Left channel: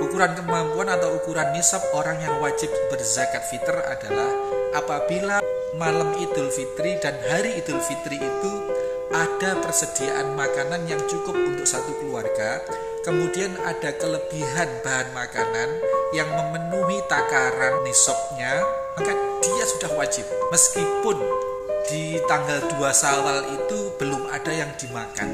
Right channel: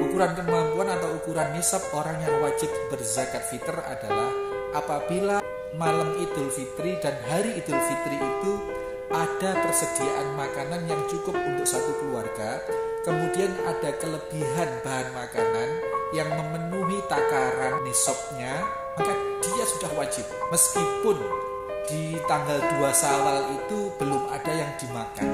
Ukuran kemampuan atau ukuran nisab orang yang wajib berzakat fitr adalah apabila malam Idul Fitri dan hari Idul Fitri itu ada persediaan makanan yang cukup untuk satu keluarga, kemudian ada kelebihan bahan makanan yang memenuhi takaran nisabnya, maka dia sudah wajib. Meskipun di tanggal 2 Syawal itu belum ada yang dimakan.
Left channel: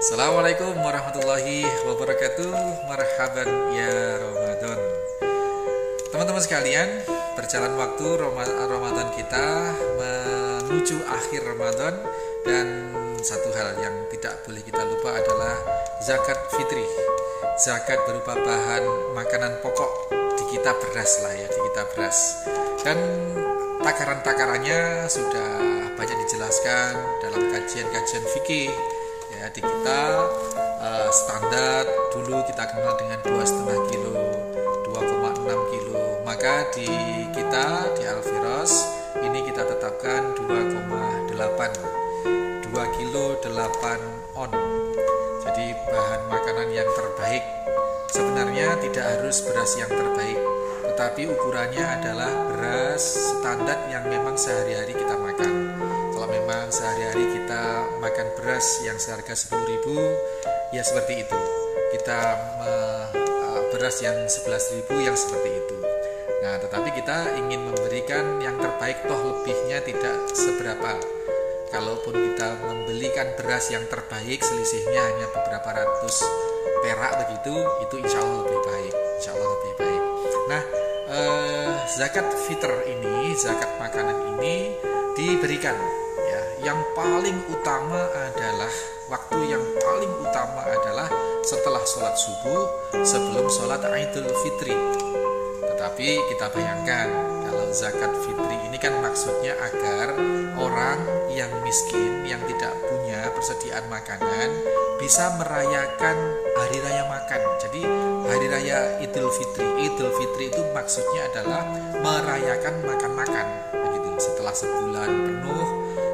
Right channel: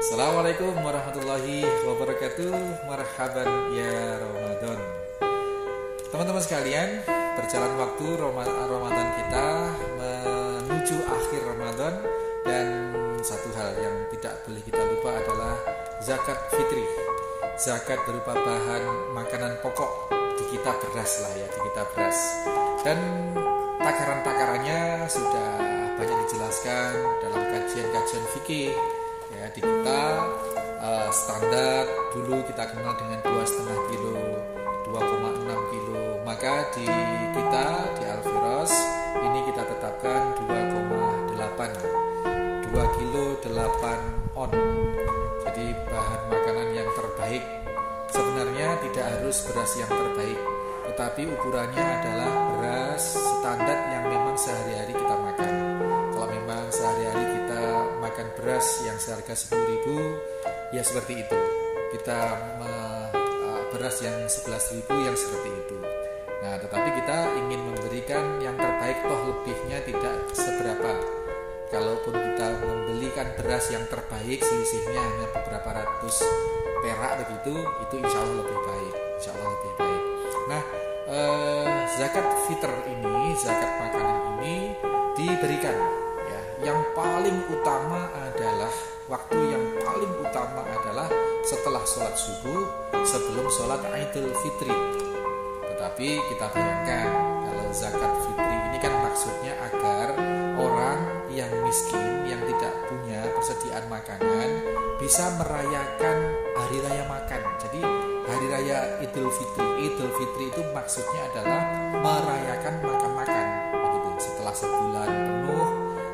Assalamualaikum warahmatullahi wabarakatuh. Marhaban ya Ramadan. Teman-teman sekalian, berjalan waktu Ramadan kita menuju akhir Ramadan, dan satu hal yang tidak boleh kita lupa adalah zakat fitri. Zakat berupa bahan makanan pokok, di kita beras lah ya, di kita beras. Dan takaran-takarannya sudah banyak dijelaskan dalam kajian-kajian fikih. Ya, di kita standar dulu kita kenal dengan 2,5 kilo, 2,6 kilo. Maka di kita di Al-Firas ini kita tetapkan 2,8, 2 kilo 8 on. Jadi bahan makanan yang terbaik. Sebenarnya tidak harus beras yang terbaik, tetapi ukurannya adalah beras standar yang memang sehari-hari kita makan. Kalau memang sehari-hari kita makan beras yang seharga 10.000, ya seperti itu. Kita beras yang 11.000 yang seperti itu. Nah, tetapi kita ingin memberikan yang terbaik, toh lebihnya tidak seberapa. Kalaupun kita membelikan beras yang terbaik, selisihnya hanya beberapa ratus perak begitu, itu insya Allah lebih baik. Insya Allah lebih baik. Nah, zakat fitr ini, zakat makanan ini diberikan. Ya, yang paling utama adalah waktu yang paling utama adalah setelah sholat subuh, sebelum sholat Idul Fitri. Tetapi kita bayangkan kalau zakat fitri ini kan maksudnya agar orang yang miskin, yang tidak punya persediaan makanan, bisa merayakan hari raya makan. Jadi hari raya Idul Fitri, Idul Fitri itu maksudnya adalah merayakan makan-makan begitu. Setelah sebulan penuh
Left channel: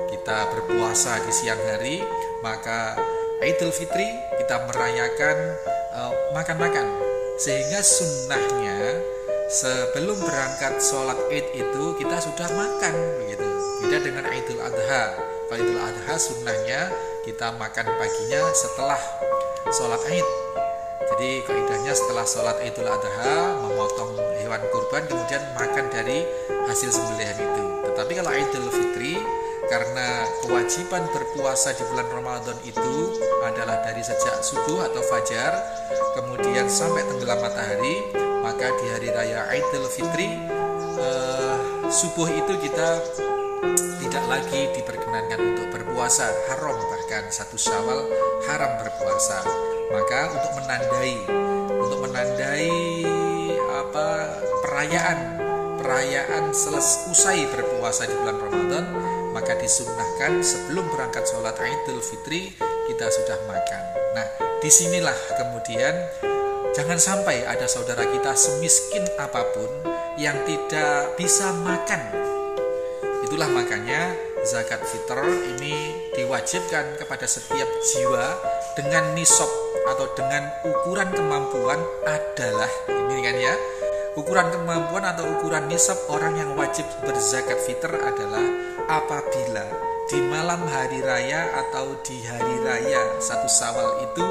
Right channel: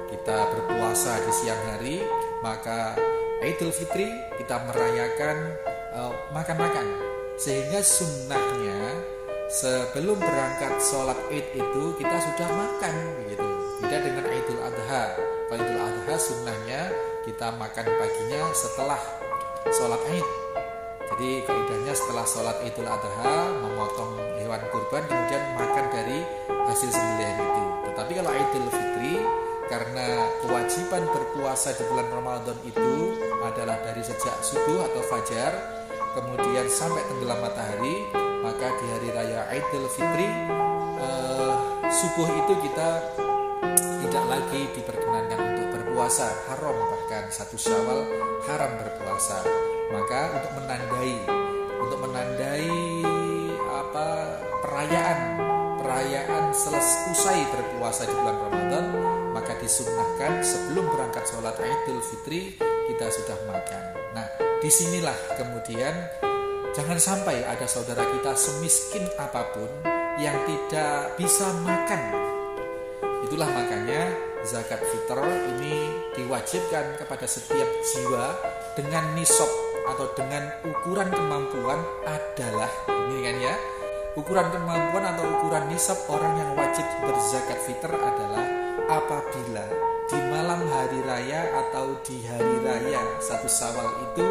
kita berpuasa di siang hari, maka Idul Fitri kita merayakan makan-makan. Sehingga sunnahnya sebelum berangkat sholat Id itu kita sudah makan begitu. Beda dengan Idul Adha. Kalau Idul Adha sunnahnya kita makan paginya setelah sholat Id. Jadi kaidahnya setelah sholat Idul Adha memotong hewan kurban, kemudian makan dari hasil sembelihan itu. Tetapi kalau Idul Fitri, karena kewajiban berpuasa di bulan Ramadan itu adalah dari sejak subuh atau fajar kemudian sampai tenggelam matahari, maka di hari raya Idul Fitri subuh itu kita tidak lagi diperkenankan untuk berpuasa, haram, bahkan 1 Syawal haram berpuasa. Maka untuk menandai perayaan usai berpuasa di bulan Ramadan, maka disunnahkan sebelum berangkat sholat Idul Fitri kita sudah makan. Nah, disinilah kemudian jangan sampai ada saudara kita semiskin apapun yang tidak bisa makan. Itulah makanya zakat fitr ini diwajibkan kepada setiap jiwa dengan nisab atau dengan ukuran kemampuan adalah ini kan ya. Ukuran kemampuan atau ukuran nisab orang yang wajib berzakat fitr adalah apabila di malam hari raya atau di hari raya 1 Syawal itu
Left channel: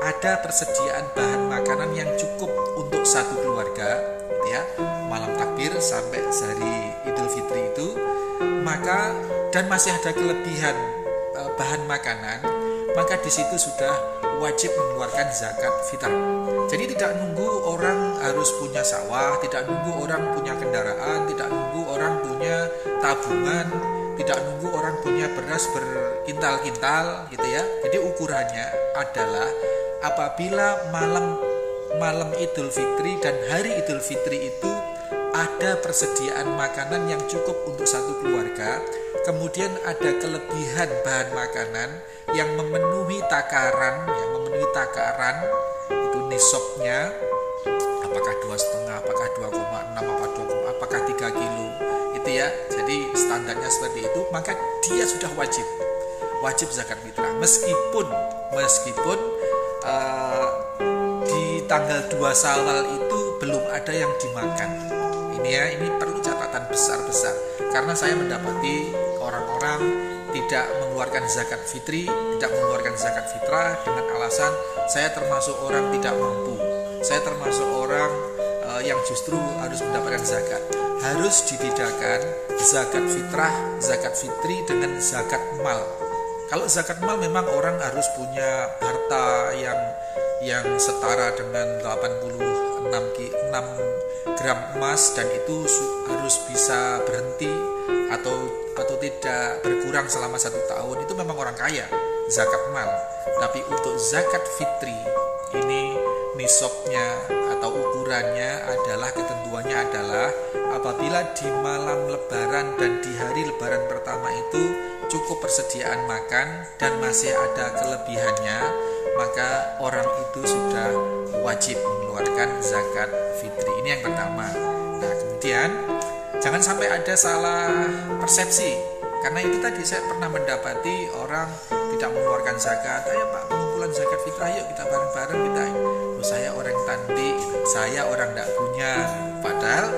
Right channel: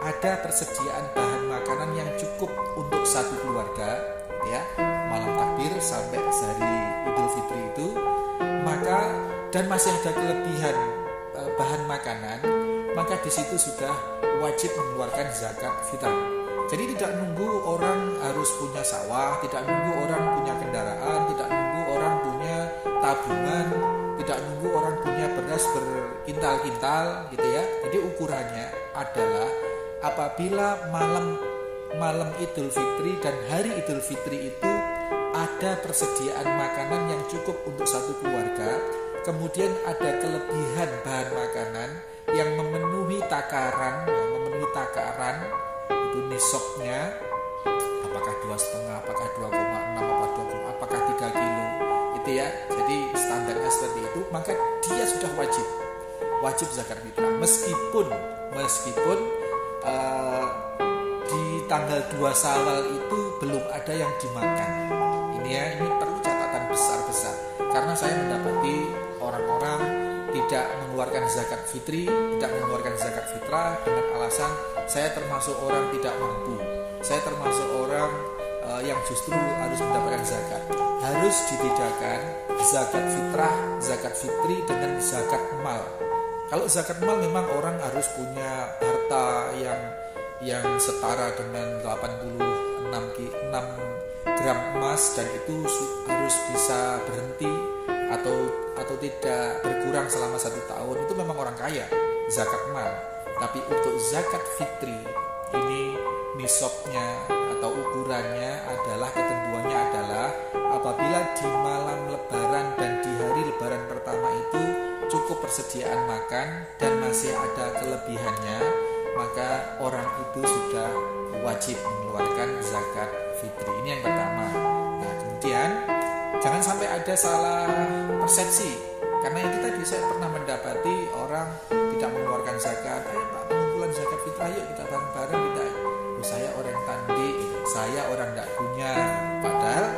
ada persediaan bahan makanan yang cukup untuk satu keluarga, gitu ya, malam takbir sampai sehari Idul Fitri itu, maka dan masih ada kelebihan bahan makanan, maka di situ sudah wajib mengeluarkan zakat fitr. Jadi tidak nunggu orang harus punya sawah, tidak nunggu orang punya kendaraan, tidak nunggu orang punya tabungan, tidak nunggu orang punya beras berkintal-kintal gitu ya. Jadi ukurannya adalah apabila malam Idul Fitri dan hari Idul Fitri itu ada persediaan makanan yang cukup untuk satu keluarga, kemudian ada kelebihan bahan makanan yang memenuhi takaran, itu nisabnya, apakah 2,5, apakah 2,6, apakah 3 kilo, itu ya. Jadi standarnya seperti itu, maka dia sudah wajib zakat fitrah, meskipun di tanggal 2 Syawal itu belum ada yang dimakan. Ini perlu catatan besar-besar, karena saya mendapati orang-orang tidak mengeluarkan zakat fitri, tidak mengeluarkan zakat fitrah dengan alasan saya termasuk orang tidak mampu, saya termasuk orang yang justru harus mendapatkan zakat. Harus dibedakan zakat fitrah, zakat fitri dengan zakat mal. Kalau zakat mal memang orang harus punya harta yang setara dengan 86 gram emas, dan itu harus bisa berhenti atau tidak berkurang selama 1 tahun. Itu memang orang kaya, zakat mal. Tapi untuk zakat fitri ini nisabnya atau ukurannya adalah, ketentuannya adalah apabila di malam lebaran dan di hari lebaran pertama itu cukup persediaan makan dan masih ada kelebihannya, maka orang itu sudah wajib mengeluarkan zakat fitri. Ini yang pertama. Nah, kemudian jangan sampai ada salah persepsi, karena itu tadi saya pernah mendapati orang tidak mengeluarkan zakat. Ayo Pak, pengumpulan zakat fitrah, yuk kita bareng-bareng kita. Saya orang tandi, saya orang tidak punya. Padahal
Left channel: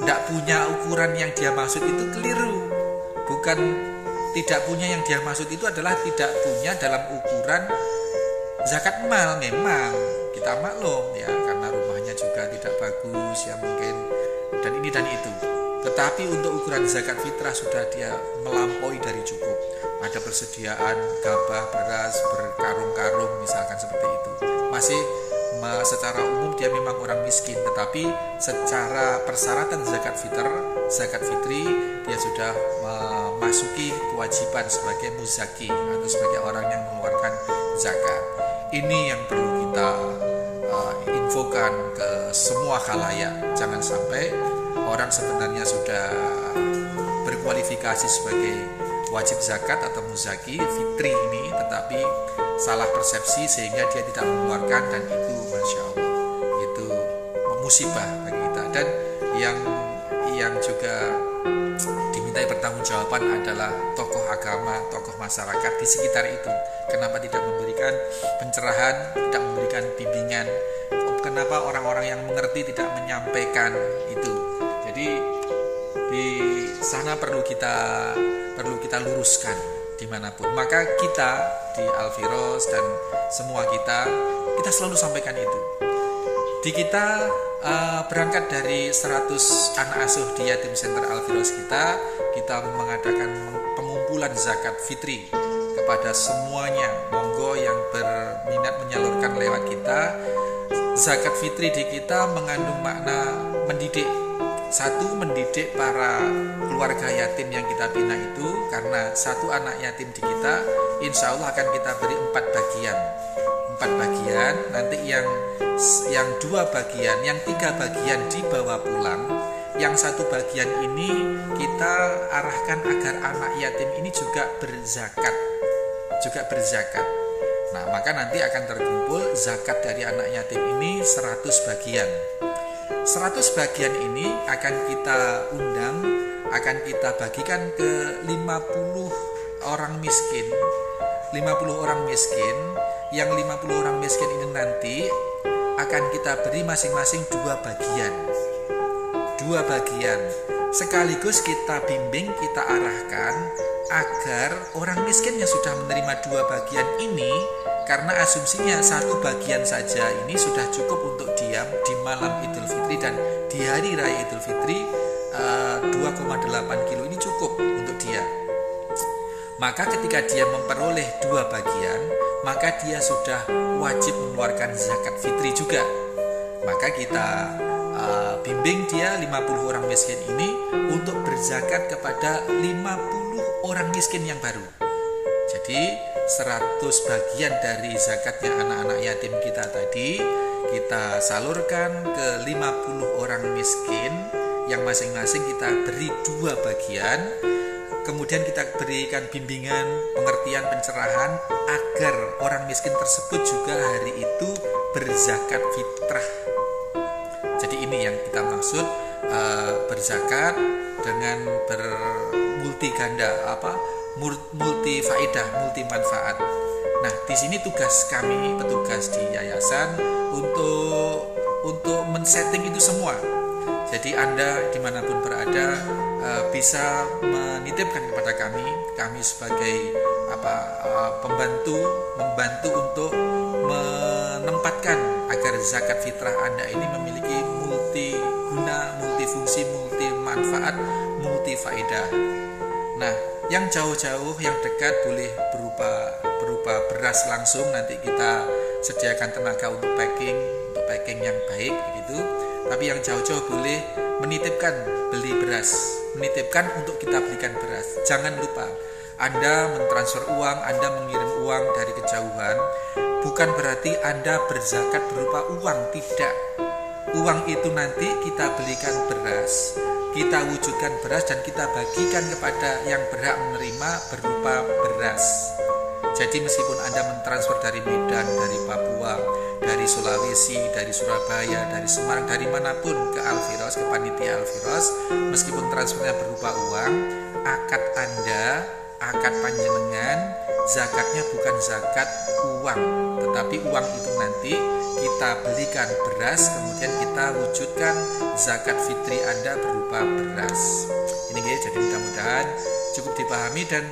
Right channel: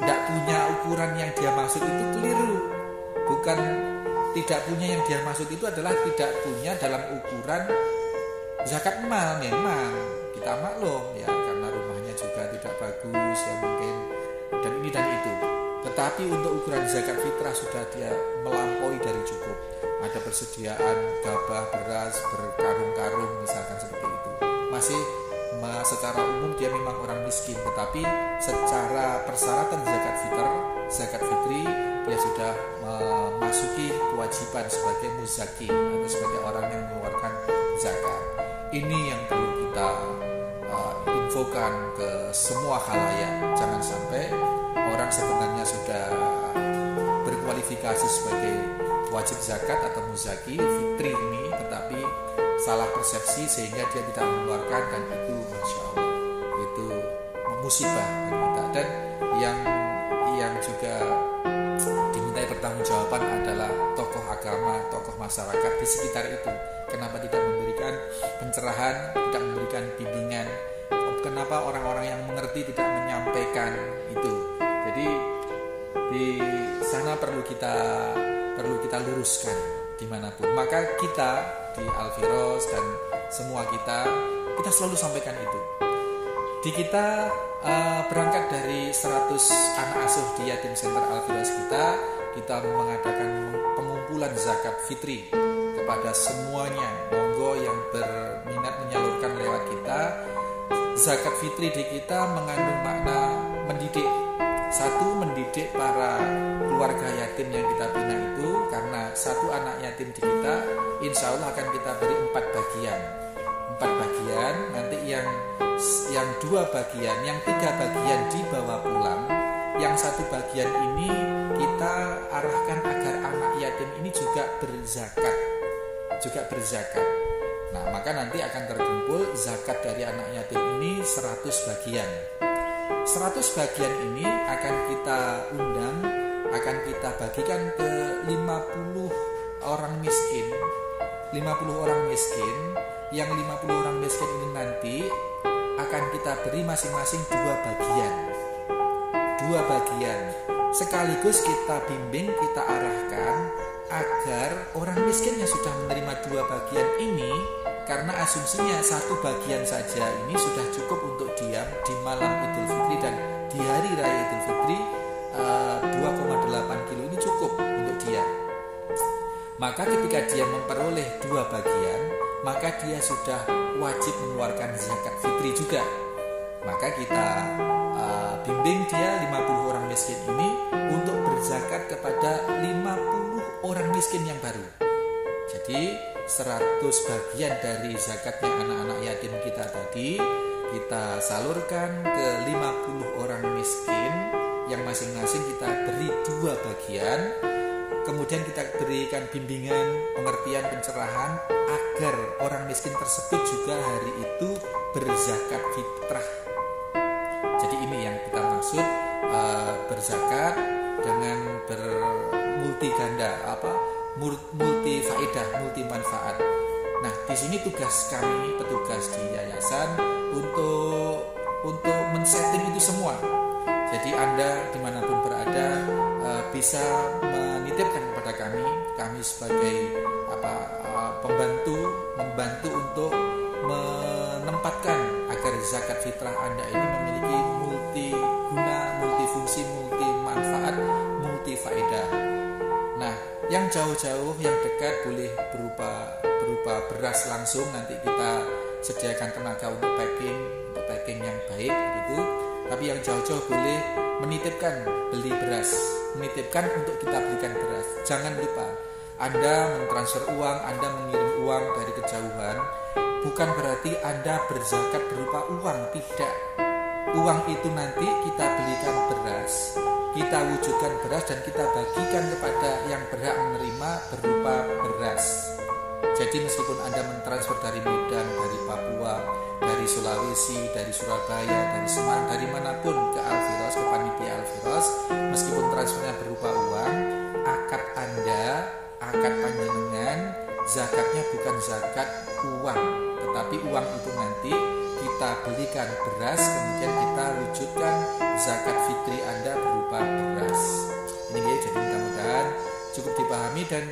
tidak punya ukuran yang dia maksud itu keliru. Bukan tidak punya yang dia maksud itu adalah tidak punya dalam ukuran zakat mal. Memang kita maklum ya, karena rumahnya juga tidak bagus ya mungkin, dan ini dan itu. Tetapi untuk ukuran zakat fitrah sudah dia melampaui dari cukup. Ada persediaan gabah, beras, berkarung-karung misalkan seperti itu. Masih secara umum dia memang orang miskin, tetapi secara persyaratan zakat fitri dia sudah memasuki kewajiban sebagai muzaki atau sebagai orang yang mengeluarkan zakat. Ini yang perlu kita infokan ke semua khalayak. Jangan sampai orang sebenarnya sudah berkualifikasi sebagai wajib zakat atau muzaki fitri ini, tetapi salah persepsi sehingga dia tidak mengeluarkan, dan itu Masya Allah itu musibah bagi kita. Dan yang juga dimintai pertanggungjawaban adalah tokoh agama, tokoh masyarakat di sekitar itu. Kenapa tidak memberikan pencerahan, tidak memberikan bimbingan? Kenapa orang-orang yang mengerti tidak menyampaikan itu? Jadi di sana perlu kita luruskan dimanapun. Maka kita di Al-Firos dan semua kita selalu sampaikan itu. Di kita berangkat dari 100 anak asuh di Yatim Center Al-Firos kita mengadakan pengumpulan zakat fitri kepada semuanya. Monggo yang berminat menyalurkan lewat kita. Zakat fitri di kita mengandung makna mendidik. Satu, mendidik para keluarga yatim yang kita bina itu, karena satu anak yatim di kita insya Allah akan kita beri 4 bagian. 4 bagian, nanti yang 2 bagian, yang 3 bagian dibawa pulang. Yang 1 bagian ini kita arahkan agar anak yatim ini juga berzakat. Nah, maka nanti akan terkumpul zakat dari anak yatim ini 100 bagian. 100 bagian ini akan kita undang, akan kita bagikan ke 50 orang miskin. 50 orang miskin, yang 50 orang miskin ini nanti akan kita beri masing-masing 2 bagian. 2 bagian. Sekaligus kita bimbing, kita arahkan agar orang miskin yang sudah menerima 2 bagian ini, karena asumsinya 1 bagian saja ini sudah cukup untuk dia di malam Idul Fitri dan di hari raya Idul Fitri, 2,8 kilo ini cukup untuk dia. Maka ketika dia memperoleh 2 bagian, maka dia sudah wajib mengeluarkan zakat fitri juga. Maka kita bimbing dia 50 orang miskin ini untuk berzakat kepada 50 orang miskin yang baru. Jadi 100 bagian dari zakatnya anak-anak yatim kita tadi kita salurkan ke 50 orang miskin, yang masing-masing kita beri 2 bagian. kemudian kita berikan bimbingan, pengertian, pencerahan agar orang miskin tersebut juga hari itu berzakat fitrah. Jadi ini yang kita maksud berzakat dengan bermulti ganda, multi faedah, multi manfaat. Nah, di sini tugas kami, petugas di yayasan untuk men-setting itu semua. Jadi Anda dimanapun berada bisa menitipkan kepada kami sebagai membantu untuk menempatkan agar zakat fitrah Anda ini memiliki multi guna, multifungsi, multi manfaat, multi faedah. Nah, yang jauh-jauh, yang dekat boleh berupa beras langsung, nanti kita sediakan tenaga untuk packing yang baik begitu. Tapi yang jauh-jauh boleh menitipkan beli beras, menitipkan untuk kita belikan beras. Jangan lupa, Anda mentransfer uang, Anda mengirim uang dari kejauhan, bukan berarti Anda berzakat berupa uang, tidak. Uang itu nanti kita belikan beras, kita wujudkan beras dan kita bagikan kepada yang berhak menerima berupa beras. Jadi meskipun Anda mentransfer dari Medan, dari Papua, dari Sulawesi, dari Surabaya, dari Semarang, dari manapun ke Al-Firos, ke panitia Al-Firos, meskipun transfernya berupa uang, akad Anda, akad panjenengan, zakatnya bukan zakat uang, tetapi uang itu nanti kita belikan beras, kemudian kita wujudkan zakat fitri Anda berupa beras. Ini guys, jadi mudah-mudahan cukup dipahami dan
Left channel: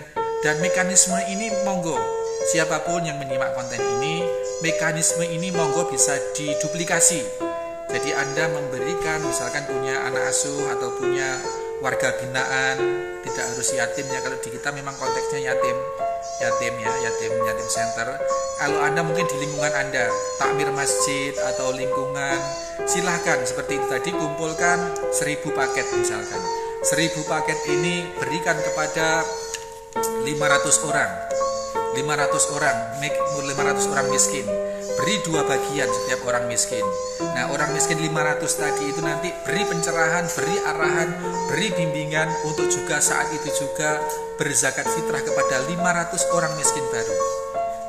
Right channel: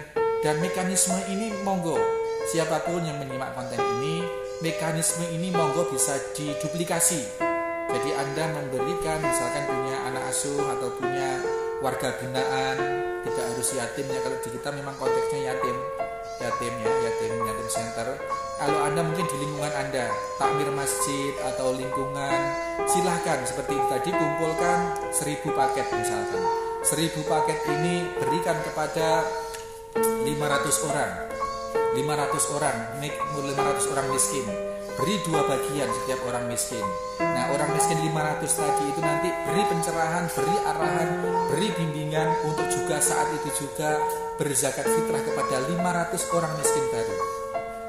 mekanisme ini monggo siapapun yang menyimak konten ini, mekanisme ini monggo bisa diduplikasi. Jadi Anda memberikan, misalkan punya anak asuh atau punya warga binaan, tidak harus yatim ya, kalau di kita memang konteksnya yatim center. Kalau Anda mungkin di lingkungan Anda takmir masjid atau lingkungan, silahkan seperti itu tadi, kumpulkan 1000 paket misalkan. 1000 paket ini berikan kepada 500 orang miskin. Beri 2 bagian setiap orang miskin. Nah, orang miskin 500 tadi itu nanti beri pencerahan, beri arahan, beri bimbingan untuk juga saat itu juga berzakat fitrah kepada 500 orang miskin baru.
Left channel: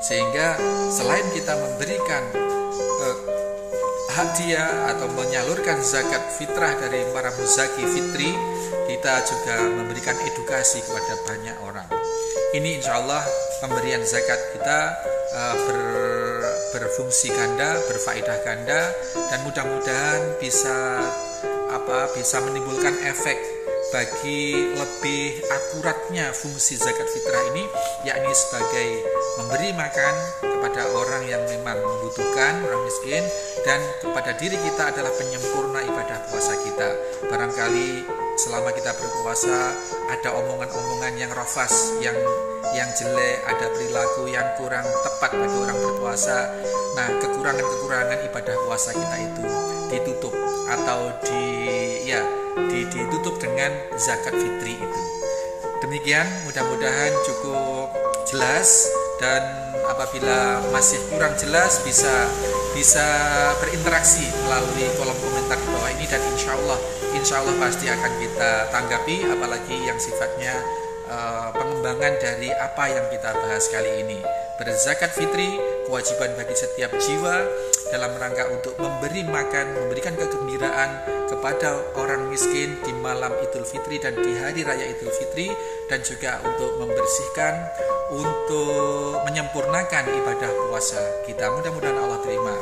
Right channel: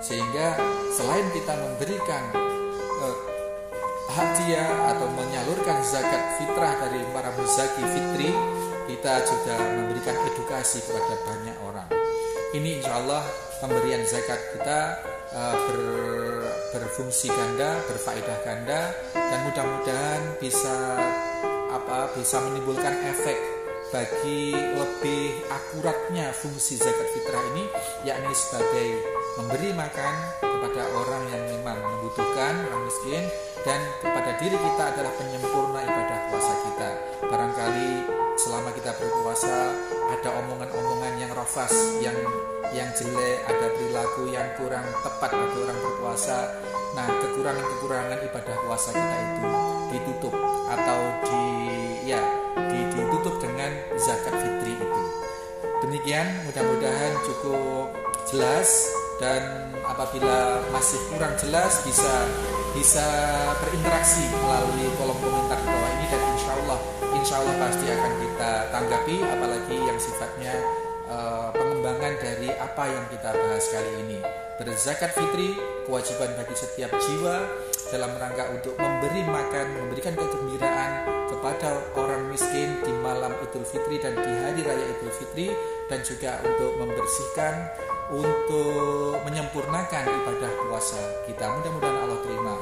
Sehingga selain kita memberikan hadiah atau menyalurkan zakat fitrah dari para muzaki fitri, kita juga memberikan edukasi kepada banyak orang. Ini insya Allah pemberian zakat kita berfungsi ganda, berfaedah ganda, dan mudah-mudahan bisa menimbulkan efek bagi lebih akuratnya fungsi zakat fitrah ini, yakni sebagai memberi makan kepada orang yang memang membutuhkan, orang miskin, dan kepada diri kita adalah penyempurna ibadah puasa kita. Barangkali selama kita berpuasa ada omongan-omongan yang rafas, yang jelek, ada perilaku yang kurang tepat bagi orang berpuasa. Nah, kekurangan-kekurangan ibadah puasa kita itu ditutup atau ditutup dengan zakat fitri itu. Demikian, mudah-mudahan cukup jelas, dan apabila masih kurang jelas bisa berinteraksi melalui kolom komentar di bawah ini, dan insya Allah pasti akan kita tanggapi, apalagi yang sifatnya pengembangan dari apa yang kita bahas kali ini. Berzakat fitri kewajiban bagi setiap jiwa dalam rangka untuk memberi makan, memberikan kegembiraan kepada orang miskin di malam Idul Fitri dan di hari raya Idul Fitri, dan juga untuk membersihkan, untuk menyempurnakan ibadah puasa kita. Mudah-mudahan Allah terima.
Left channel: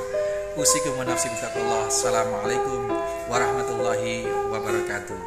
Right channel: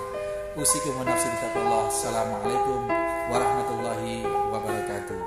Usikum wa nafsi bitaqwallah. Assalamualaikum warahmatullahi wabarakatuh.